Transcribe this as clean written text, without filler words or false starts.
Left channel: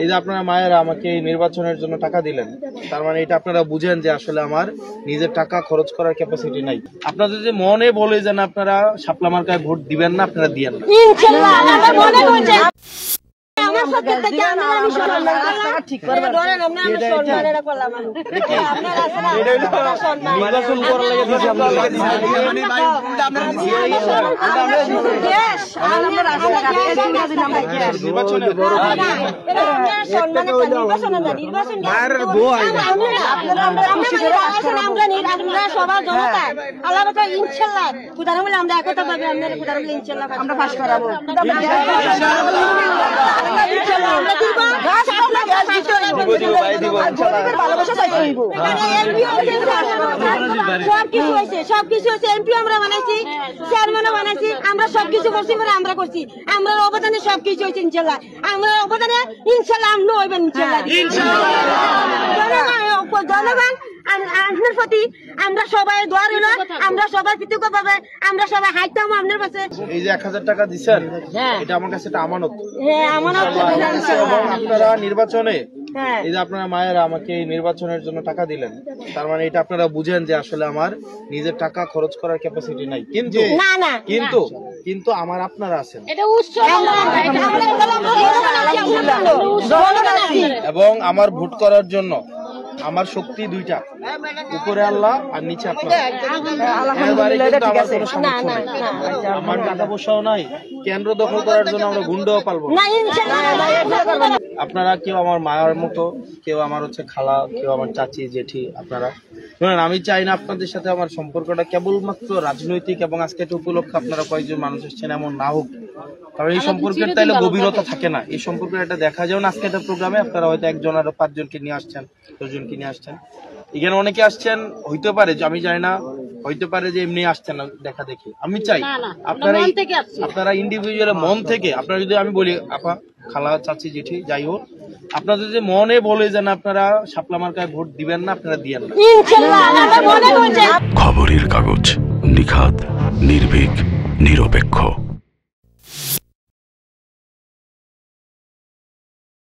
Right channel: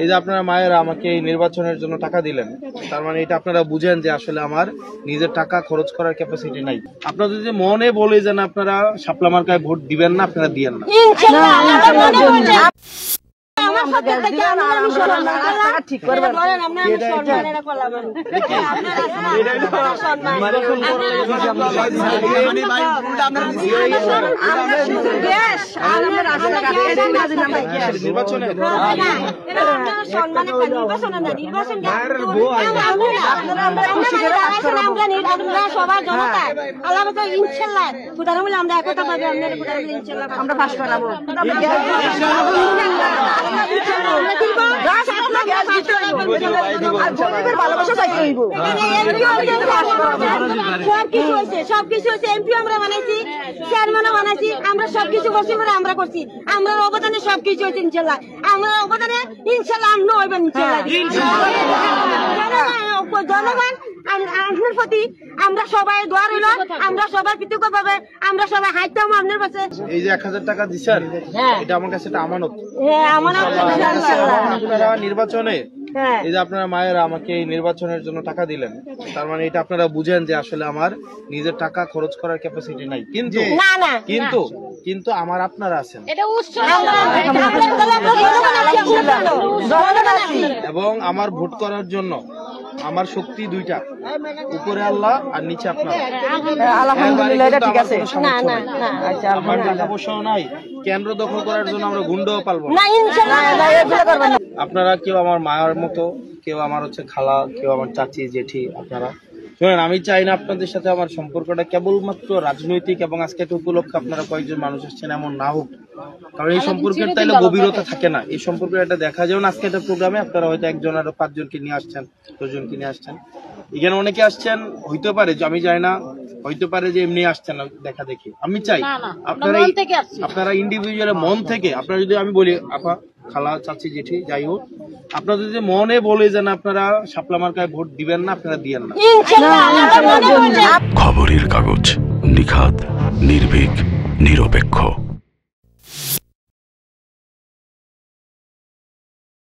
এই যে আপনারা মায়েরা আমাকে এই নির্বাচনের জন্য টাকা দিলেন, তার মানে এটা আপনারা বুঝেন যে আসলে আমার নিজের টাকা খরচ করার ক্যাপাসিটি নাই। আপনাদের যে মনে বলে যেন আপনারা শাপলা মার্কায় ভোট দিবেন না, আপনারা দিয়েন না। সবার জনতা আল্লাহ ইনশাল্লাহ আমরা একতা পাবে, আমরা পাস করাবো। সবকিছু হয়েছে, এমপি আমরা বানাইছি, চেয়ারম্যানও বানাইছি, আমরা সবকিছু করছি, আমরা করছি, আমরা অবদানে সবকিছু হয়েছে ইনশাল্লাহ। আমরা অবদানে ইনশাল্লাহ আমরা হইবেন ইনশাল্লাহ। জনগণ আপনার প্রতি আমরা সবাই দোয়া রইল, আমরা সবাই কৃতজ্ঞ পাবে, আমরা সবাই হাইতাম আপনার কাছে। এই যে 1000 টাকা দিচ্ছেন, এটা আমার কাছে একটা আমানত। এবং আপনারা নির্বাচনে এই যে আপনারা মায়েরা আমাকে এই নির্বাচনের জন্য টাকা দিলেন, তার মানে এটা আপনারা বুঝেন যে আসলে আমার নিজের টাকা খরচ করার ক্যাপাসিটি নাই। কিন্তু আমার আপনারা আছেন এবং আমার ভোট করার জন্য আমার শক্তি দুইটা, উপরে আল্লাহ আর নিচে আপনারা। এবারে কিন্তু আমার কোনো সামর্থ্য নাই, আমার টাকা পয়সাও নাই, কেন্দ্র দখল করার জন্য আমরা গুন্ডাও পালবো না। আপনারা কেউ আমার মায়ের মতো, কেউ আমার হচ্ছে খালা, কেউ আমার চাচি জেঠি। আপনারা শুনেন, আমি চাই না আপনাদের সাথে আমার সম্পর্কটা কেবলমাত্র রাজনৈতিক এবং আজকে একটা উপলক্ষে আপনারা কয়েকজন মানুষ এসেছেন এমন না হোক, কারণ এই সম্পর্কের তাইলে গভীরতা থাকে না। এই সম্পর্কের একটা দেখা যেমন আজকে একটা প্রোগ্রামে আপনারা হয়তো একজন আরো 5 জনকে নিয়ে আসছেন, 10 জনকে নিয়ে আসছেন, এখানে অনেকে আসছেন, হইতে পারে যে আমি জানি না, হইতে পারে যে এমনি আসছেন দেখা দেখি। আমি চাই আপনারা ইন্ডিভিজুয়াল মন থেকে, আপনারা যদি আমি বলি আপা খালা চাচি জেঠি যাই হোক, আপনাদের যে মনে বলে যেন আপনারা শাপলা মার্কায় ভোট দিবেন না, আপনারা দিয়েন না। খবরের কাগজ, নিখাত, নির্ভীক, নিরপেক্ষ।